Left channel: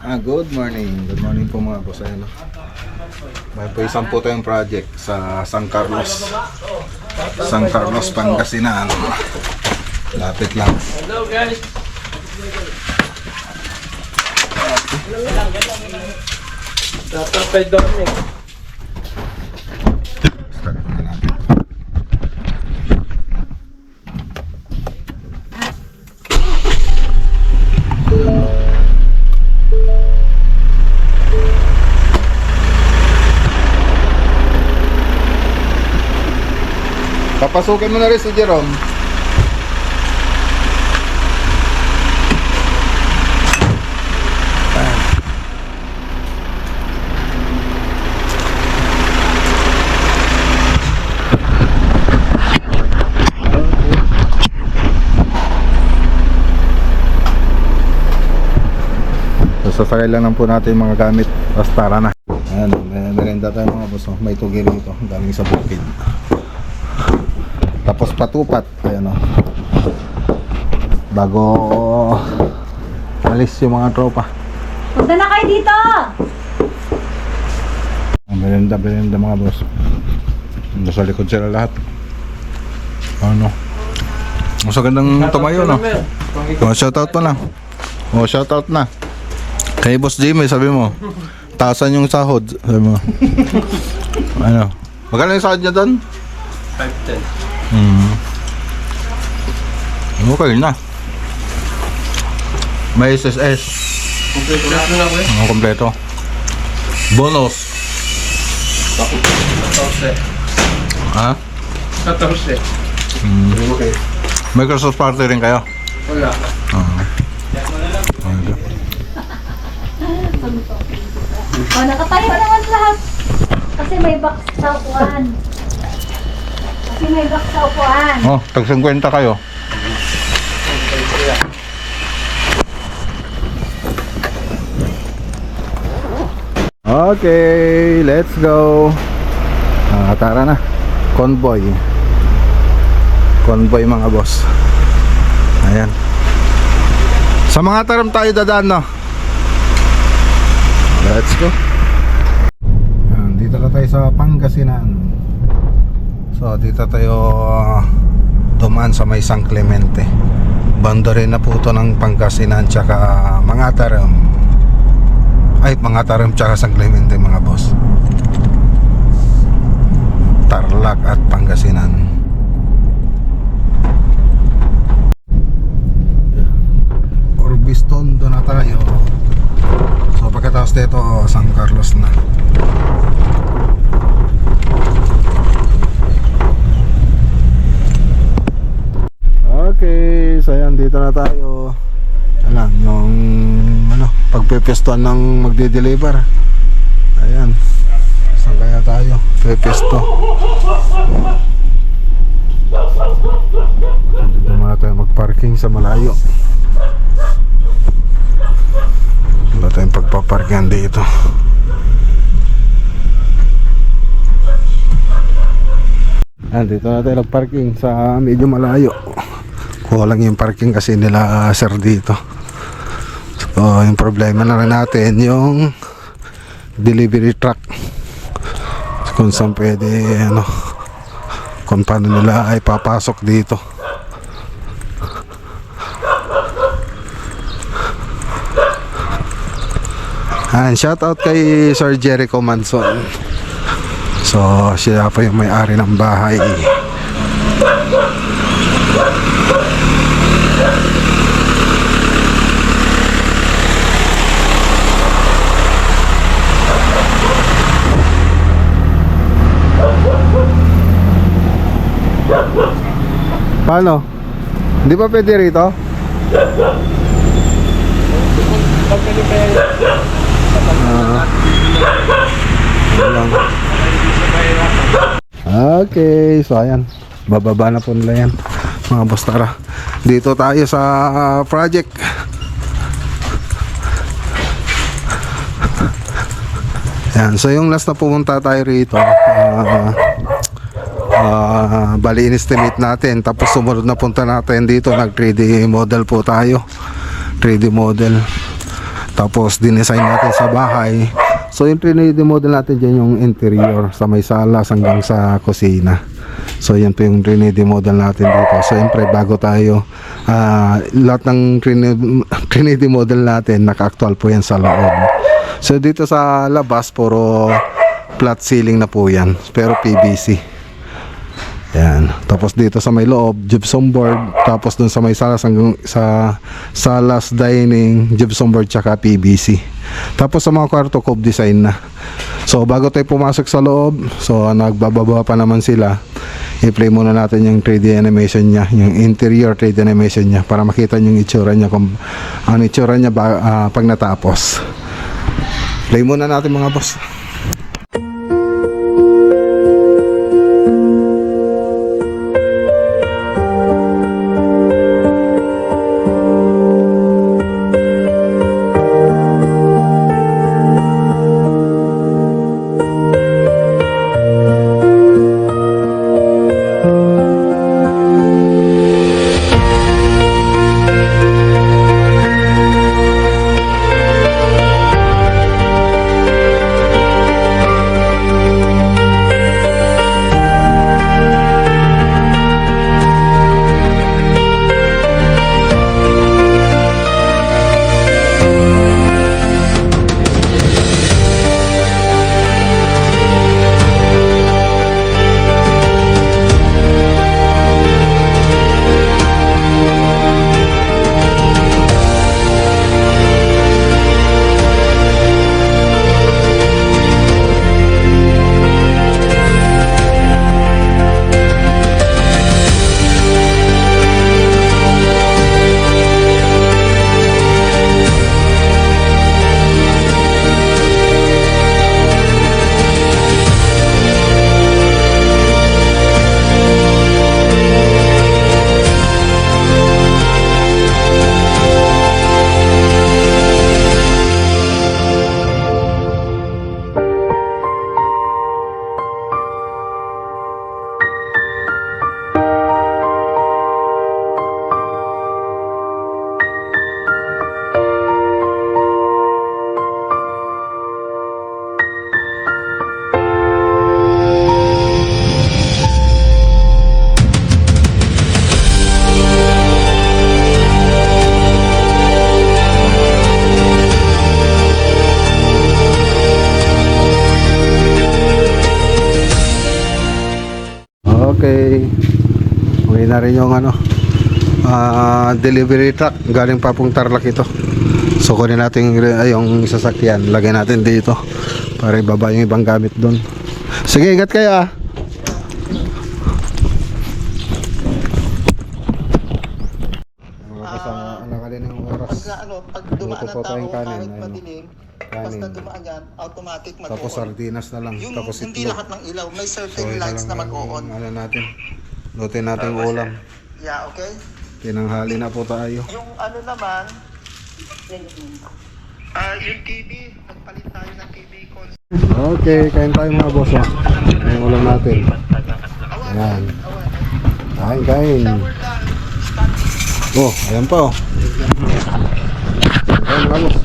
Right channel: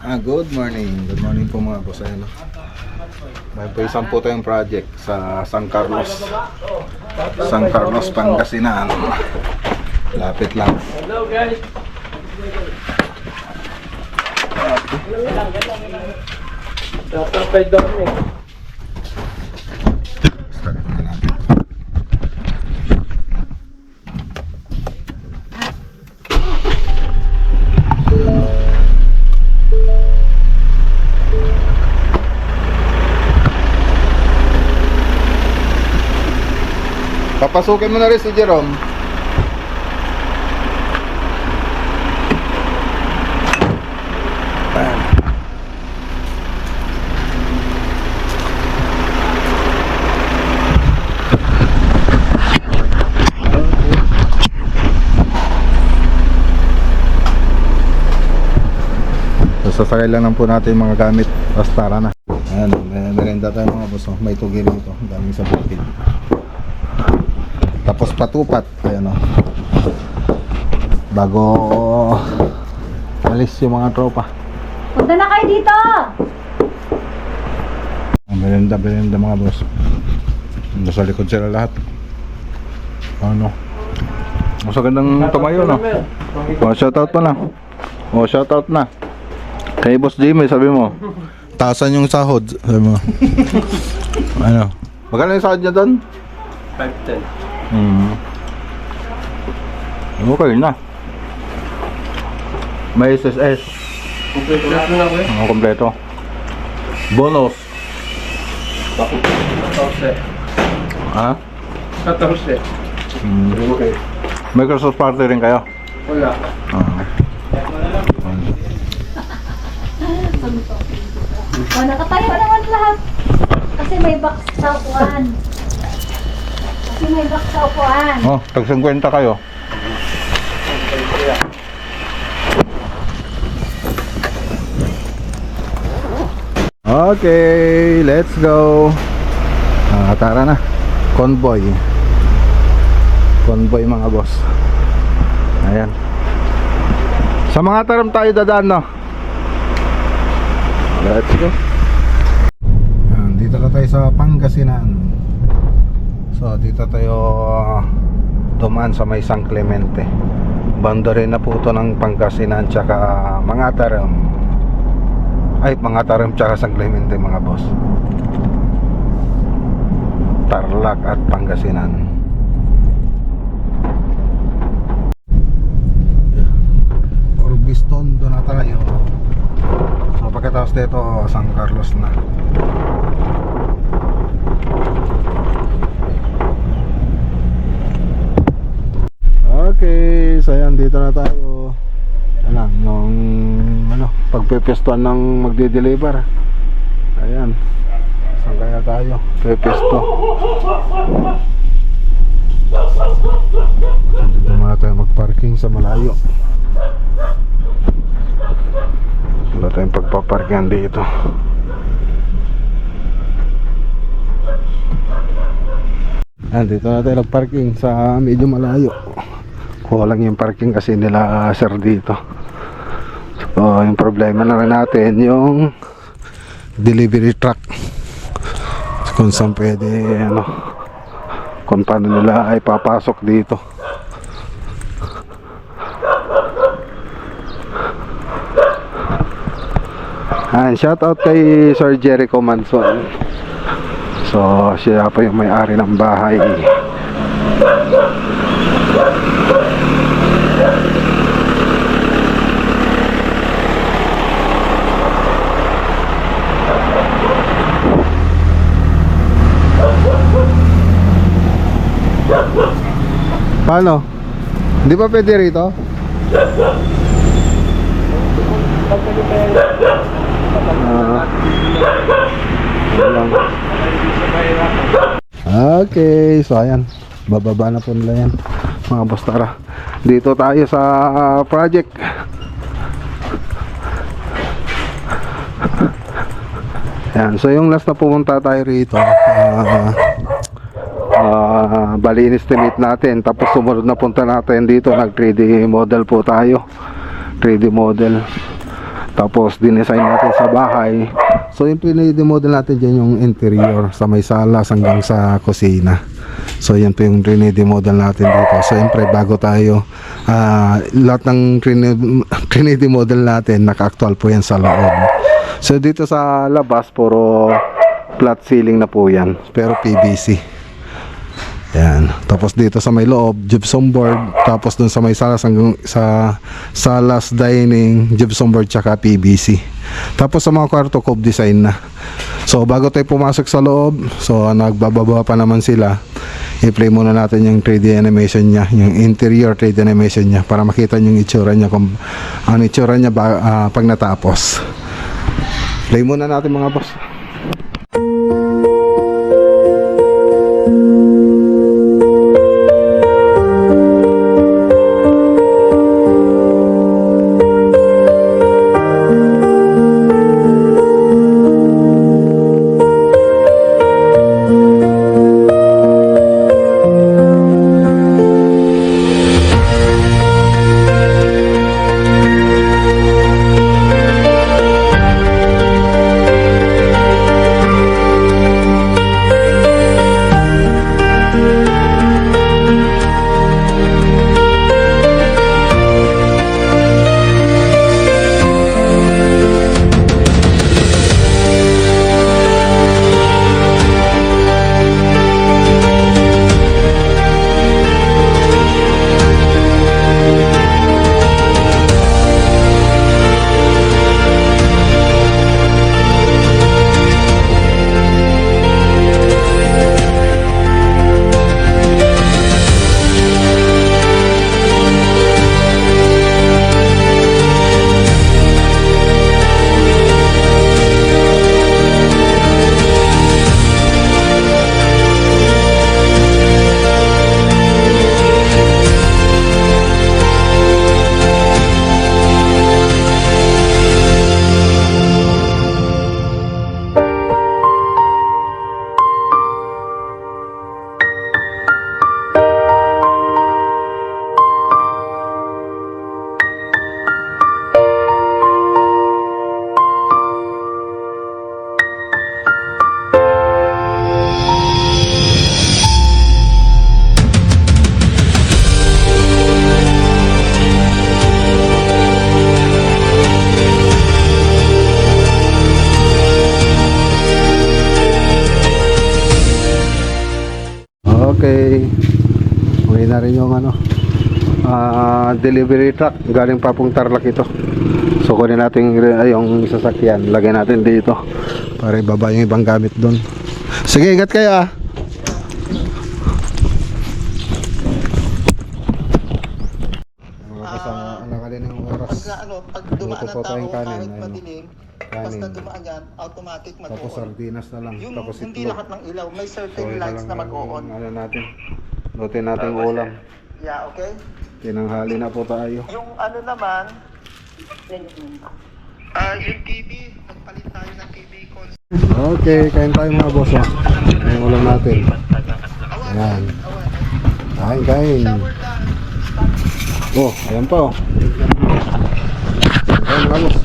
Good morning. Good morning po mga boss. Ayun, may po isang po tayong project sa San Carlos. San Carlos, Pangasinan. Lapit lang. Hello guys. Dapat kay Dominic. Start na natin. Papasukin mo na rin si Jerome. Sasakay lang po natin yung mga gamit. Tapos tara na. Ayan, may merenda tayo mga boss. May tugi rito. Daming sa bukid. Tapos patupat. Ayan o. Bago alis yung mga tropa. Punta na kayo dito! Merenda mga boss. Nasa likod sila lahat. Ano? Mas gandang tumayo, no? Oh, shoutout pa na. Oh, shoutout na. Kay Boss Jimmy, sabi mo, taasan yung sahod. Sabi mo. Ano? Magkano yung sahod niya doon? 510. Okay na. May SSS. Kompleto na lang eh. Ang kompleto. Bonus. 14. Ha? 14. Okay. Microsoft party rin kayo? Wala. O, nakatayo naman lahat. Kasi may box sa upuan. Oh, tag 50 kayo. Okay, let's go. Tara na. Convoy. Convoy mga boss. Ayan. Sa mga taram tayo dadaan, no? Let's go. Ayan, dito na tayo sa Pangasinan. So dito tayo dumaan sa may San Clemente. Boundary na po ito ng Pangasinan tsaka Mangatarem. Ay, Mangatarem tsaka San Clemente mga boss. Tarlac at Pangasinan. Orbiston, doon na tayo. So pagkatapos dito, San Carlos na. Okay, so ayan, dito na tayo. Ayan, nung pagpepestuan ng magde-deliver. Ayan. Saan kaya tayo? Pepesto. Dito muna tayo magparking sa malayo. Wala tayong pagpaparkingan dito. Ayan, dito na tayo nagparking sa medyo malayo. Kuha lang yung parking kasi nila sir dito. So yung problema na rin natin yung delivery truck. Kung saan pwede kung paano nila ay papasok dito. And shout out kay Sir Jericho Manson. So siya pa yung may-ari ng bahay. Paano? Hindi ba pwede rito? Okay, so ayan, bababa na po nila yan mga boss. Tara, dito tayo sa project. Yan, so yung last na pumunta tayo rito, bali in-estimate natin, tapos sumunod na punta natin dito, nag 3D model po tayo, 3D model. Tapos dinesign natin sa bahay. So yung 3D model natin dyan yung interior sa may salas hanggang sa kusina. So yan po yung 3D model natin dito. So siyempre bago tayo lahat ng 3D model natin naka-actual po yan sa loob. So dito sa labas puro flat ceiling na po yan, pero PVC. Yan. Tapos dito sa may loob gypsum board, tapos dun sa may salas hanggang sa salas dining gypsum board tsaka PVC. Tapos sa mga kwarto cove design na. So bago tayo pumasok sa loob, so nagbababa pa naman sila. I-play muna natin yung 3D animation niya, yung interior 3D animation niya para makita niyo yung itsura niya kung ano itsura niya pag natapos. Play muna natin mga boss. Okay. Uwi na rin yung delivery truck. Galing pa pong Tarlac ito. So kunin natin yung sasakyan. Lagay natin dito para ibaba yung ibang gamit doon. Sige, ingat kayo ah. Nakalin yung oras. Pag dumaan Luto po ang tao tayong kanin, kahit ayun. madilim, basta dumaan yan, automatic Tapos mag-on. sardinas na lang. Yung Tapos hindi itlog. lahat ng ilaw, may So, certain ito lights lang na mag-on. ang natin. Lutin natin yung ulam. Yeah, okay? Tinanghali na po tayo. Yung ano naman, yung TV, magpalit tayo ng TV console. Okay, kain tayo mga boss. Yung ulam natin. Ayan. Kain. Oh, ayan pa oh. Kain mga boss.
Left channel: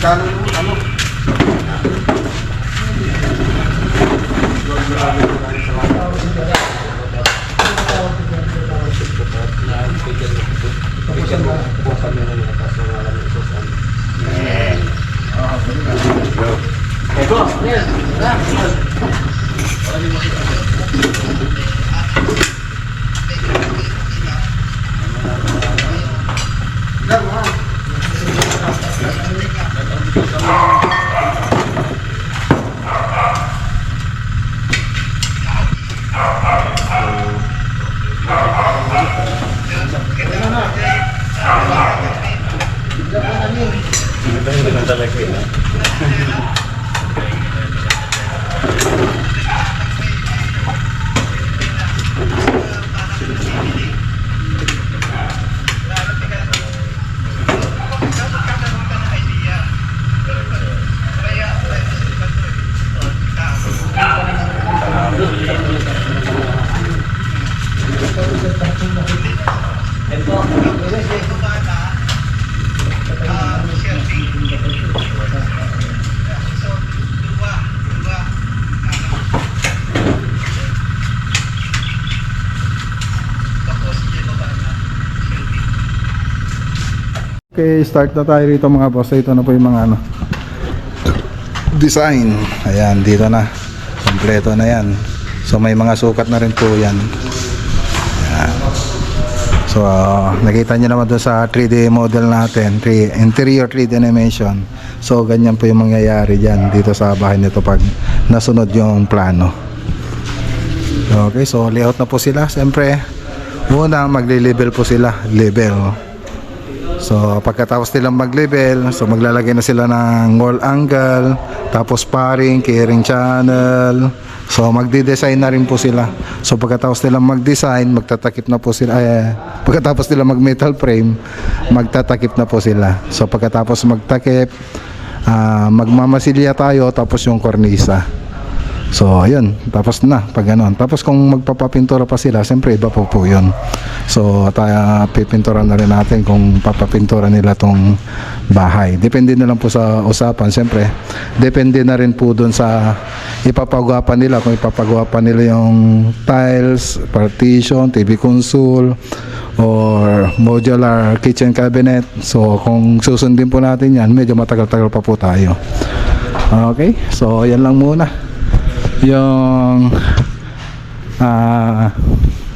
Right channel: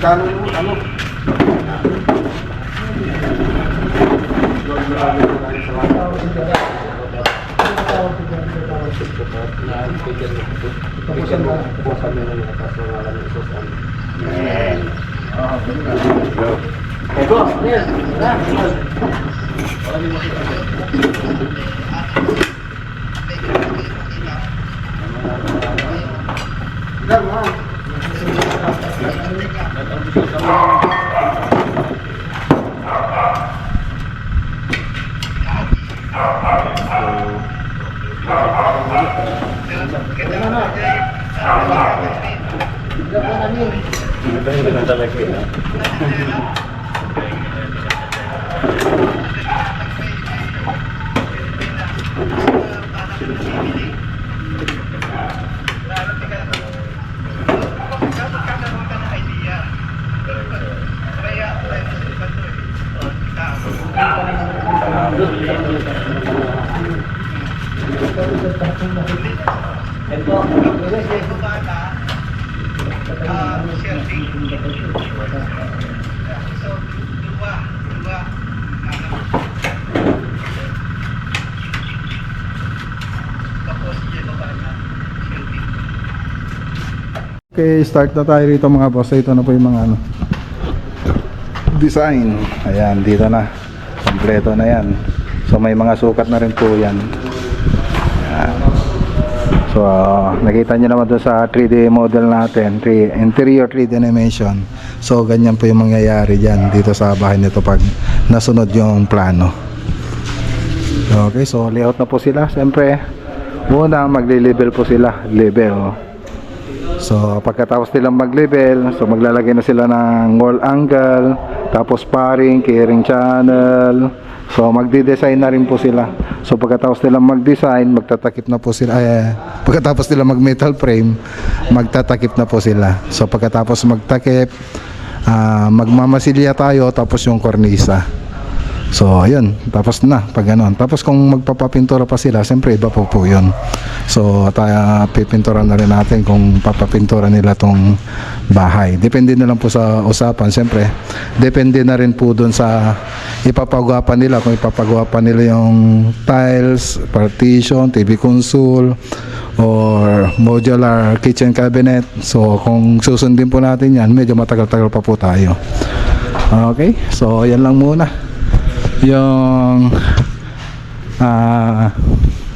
Ano? Okay, start na tayo rito mga boss. Ito na po yung mga design. Ayan, dito na. Kompleto na yan. So may mga sukat na rin po yan. Ayan. So nakita nyo naman doon sa 3D model natin, interior 3D animation. So ganyan po yung mangyayari dyan dito sa bahay nito pag nasunod yung plano. Okay, so layout na po sila. Siyempre muna magli-level po sila, level. So pagkatapos nilang mag-level, so maglalagay na sila ng wall angle, tapos paring, keyring channel. So magdi-design na rin po sila. So pagkatapos nilang mag-design, magtatakip na po sila. Pagkatapos nilang mag-metal frame, magtatakip na po sila. So pagkatapos magtakip, magmamasilya tayo, tapos yung kornisa. So ayun, tapos na pag gano'n. Tapos kung magpapapintura pa sila, siyempre iba po yun. So tayo pipintura na rin natin kung papapintura nila tong bahay. Depende na lang po sa usapan. Siyempre depende na rin po dun sa ipapagawa pa nila. Kung ipapagawa pa nila yung tiles, partition, TV console, or modular kitchen cabinet. So kung susundin po natin yan, medyo matagal-tagal pa po tayo. Okay, so yan lang muna yung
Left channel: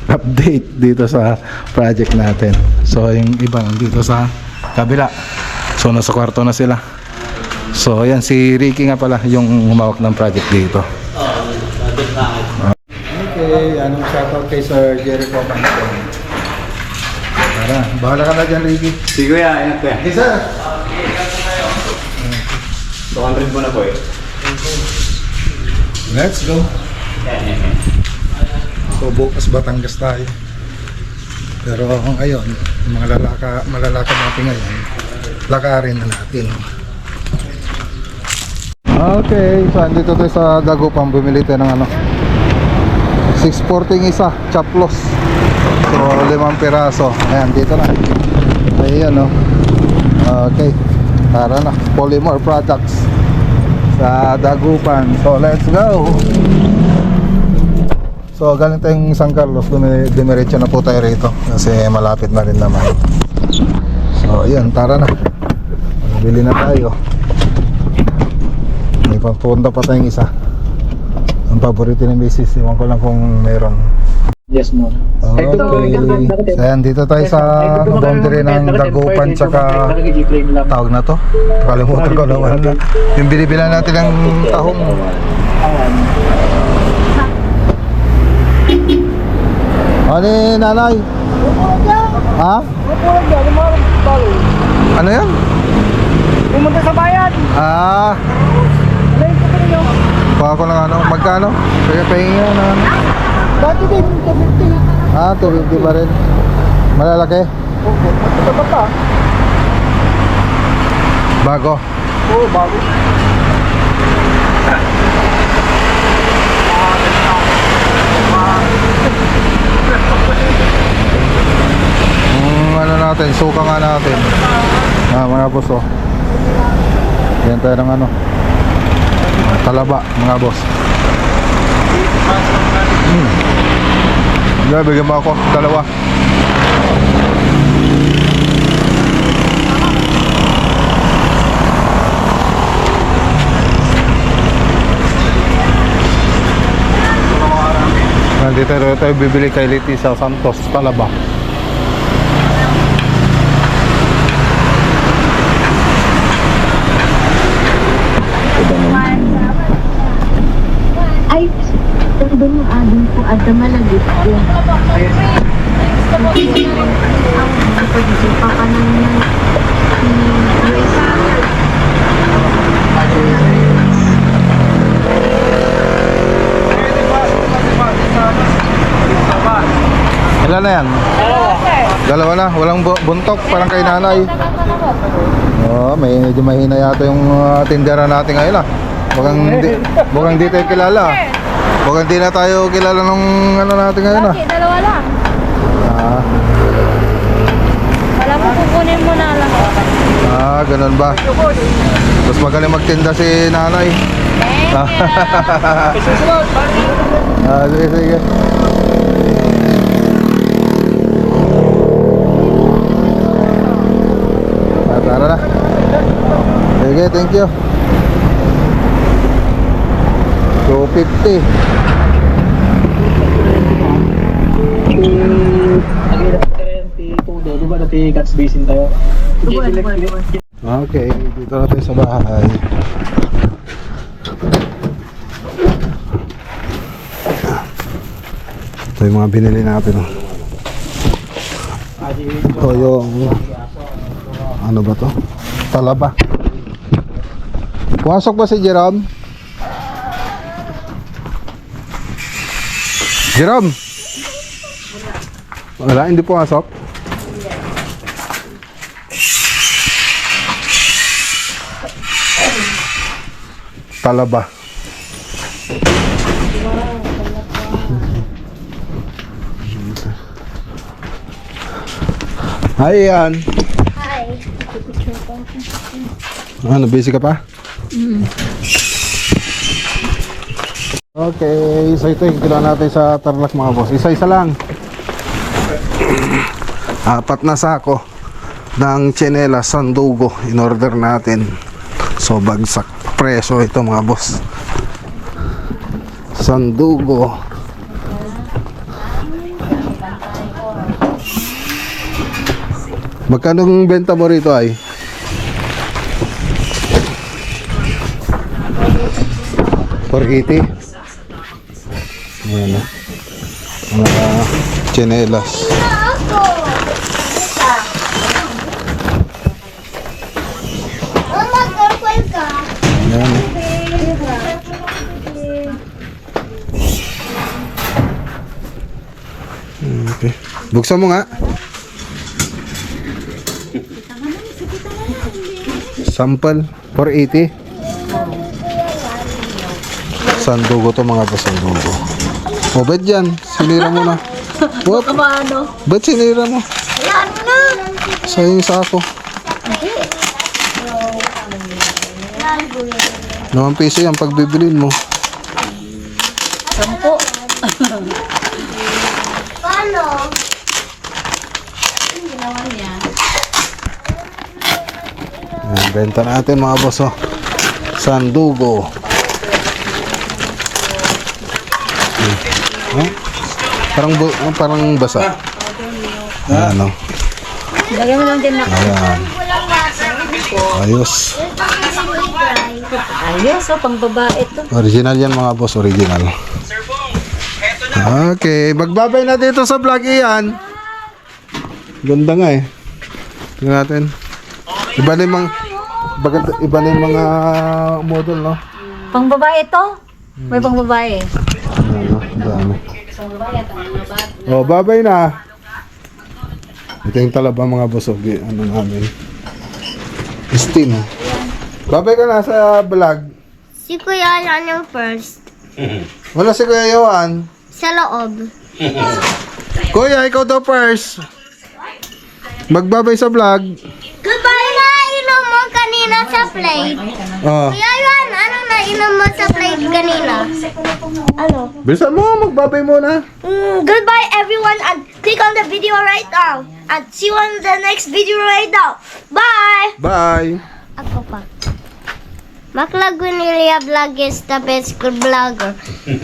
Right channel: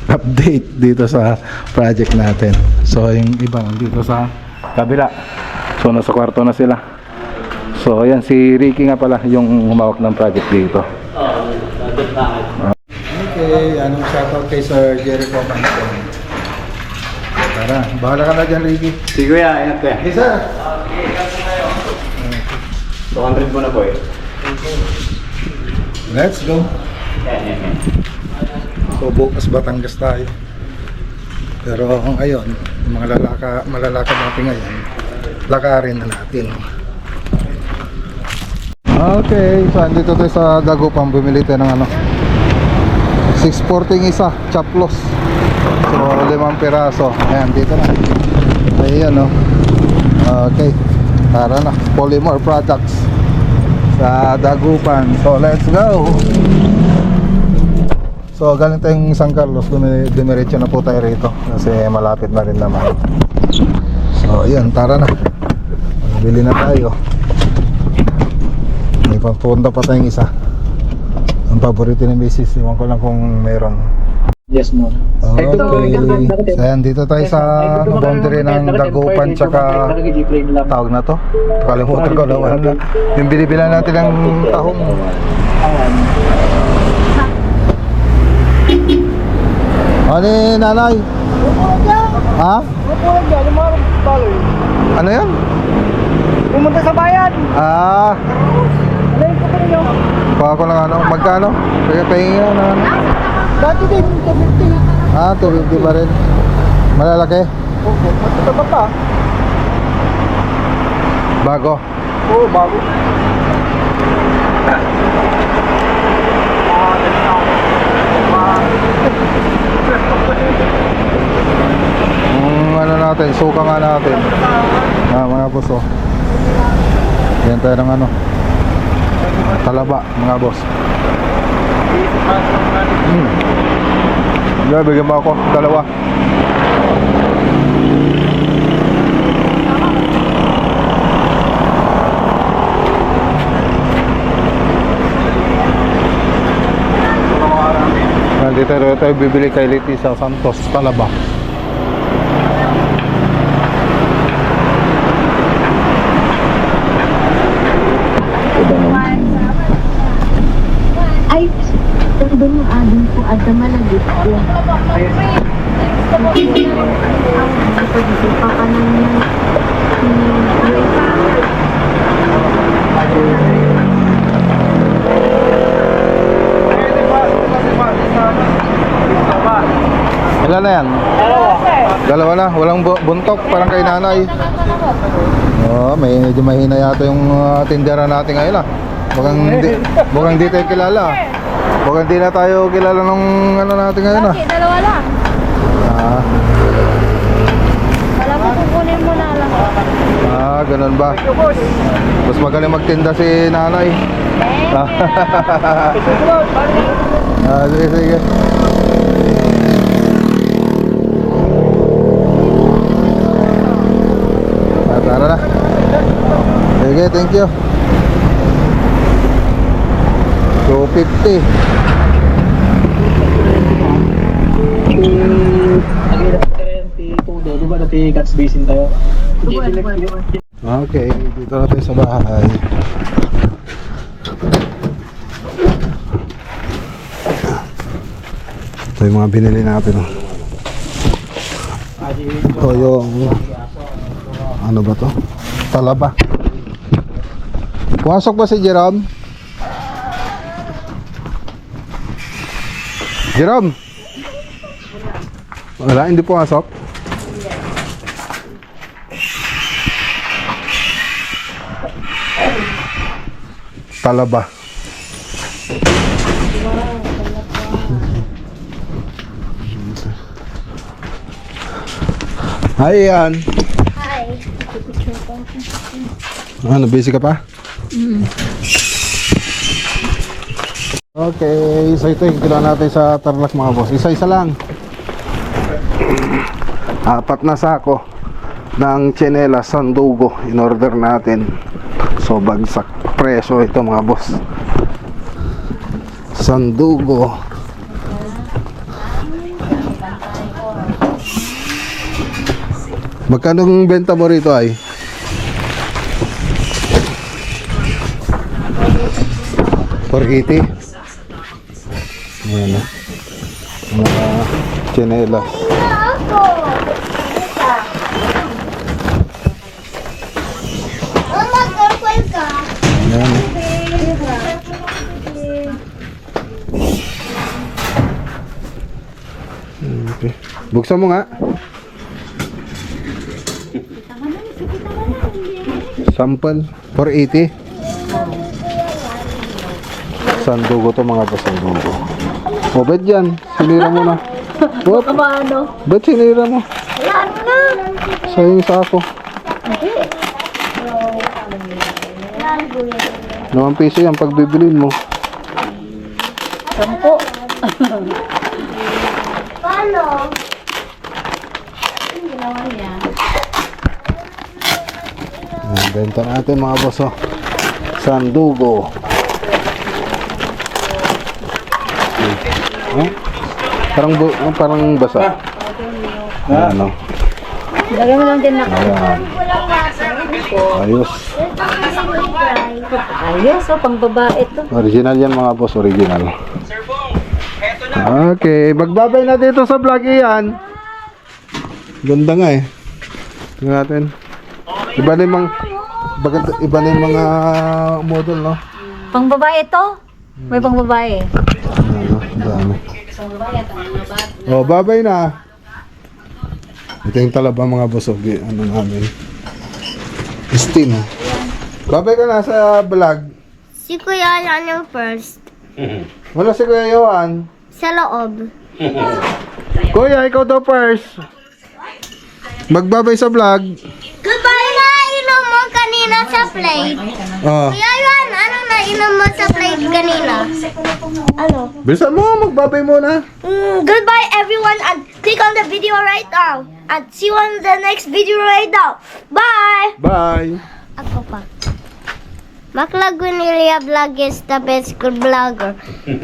update dito sa project natin. So yung iba dito sa kabila, so nasa kwarto na sila. So ayan, si Ricky nga pala yung humawak ng project dito. Okay, anong shoutout kay Sir Jericho Manson? Tara, bahala ka na dyan, Ricky. Sige kuya, ingat kuya. Isa! 200 mo na po eh. Let's go. So bukas Batangas tayo. Pero ngayon, yung mga malalakad natin ngayon, lakarin na natin. Okay, so andito tayo sa Dagupan, bumili tayo ng 640 isa, chaplos. So 5 piraso. Ayan, dito na. Ayan Okay, tara na. Polymer products sa Dagupan. So let's go. So galing tayong San Carlos, dumiretso na po tayo rito kasi malapit na rin naman. So ayan, tara na. Bili na tayo. May papunta pa tayong isa. Ang paborito ni Mrs. Iwan ko lang kung meron. Yes mo. Okay. So ayan, dito tayo sa boundary ng Dagupan tsaka tawag na to. Kalimutan ko naman. Yung binibilan natin ng tahong. Ano yung nanay? Ha? Ano yan? Pumunta sa bayan. Baka ko lang magkano? Kaya pahinga na Dati din, 250. 250 pa rin. Malalaki? Okay, matutaba pa. Bago? Oo, bago. Ano natin, suka nga natin. Mga boss yan tayo ng talaba mga boss. Bigyan mo ako, dalawa. Nandito tayo bibili kay Letizia Santos, talaba. Ay, doon yung adong po at malagit ko. Pakanan niya. Ilan na yan? Dalawa na, walang buntok, parang kay nanay. Medyo mahina yata yung tindera natin ngayon Mukhang di tayo kilala. Mukhang di na tayo kilala nung natin ngayon Bakit? Dalawa lang. Wala mo, kukunin mo na lang. Ganun ba? Mas magaling magtinda si nanay. Sige. tara na. Sige, thank you. 250. Nag-iilap ka rin, T2 di ba dati catch basin tayo? Okay, dito na tayo sa bahay. Ito yung mga binili natin. Ito yung ano ba to? Talaba. Pumasok ba si Jerome? Jerome? Wala, hindi pumasok? Talaba. Hi, Ian. Hi. Ano, busy ka pa? Okay, so ito yung kilo natin sa Tarlac mga boss. Isa-isa lang. 4 na sako ng tsinelas Sandugo in order natin. So bagsak presyo ito mga boss. Sandugo. Magkano ang benta mo rito ay? $480. Ayan na. Mga tsinelas. Mama, girlfriend ka. Ayan. Okay. Buksan mo nga. Sample 480. Sandugo to mga boss, sandugo. O ba't yan? Sinira mo na. What? Paano? Ba't sinira mo? Wala na. Sa yung sako. Naman piso yan pag bibilin mo. 10. Paano? Ang ginawa niya. Ayan, benta natin mga boss, oh. Sandugo. Oh? Parang basa. Ayan, oh. Lagyan mo lang din na. Ayan. Ayos. Ayos, oh, pang babae to. Original yan mga boss, original. Okay, magbabay na dito sa vlog iyan. Ganda nga eh. Tingnan natin. Iba na yung mga model, no? Pang babae to? May pang babae. Ano, dami. Pang babae at ang mga bata. Oh, babay na. Ito yung talaba mga boss, oh. Ano namin. Steam. Babay ka na sa vlog. Si Kuya yan yung first. Wala si Kuya Yohan. Sa loob. Kuya, ikaw daw first. Magbabay sa vlog. Goodbye na inom mo kanina sa plate. Oh. Kuya yan, ano na inom mo sa plate kanina? Ano? Bilisan mo, magbabay muna. Goodbye everyone and click on the video right now. And see you on the next video right now. Bye! Bye. Ako pa. Macla Guinilia Vlog is the best vlogger.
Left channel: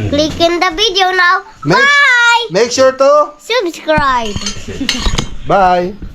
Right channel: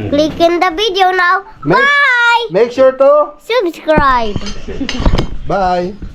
Click in the video now. Bye! Make sure to Subscribe. bye.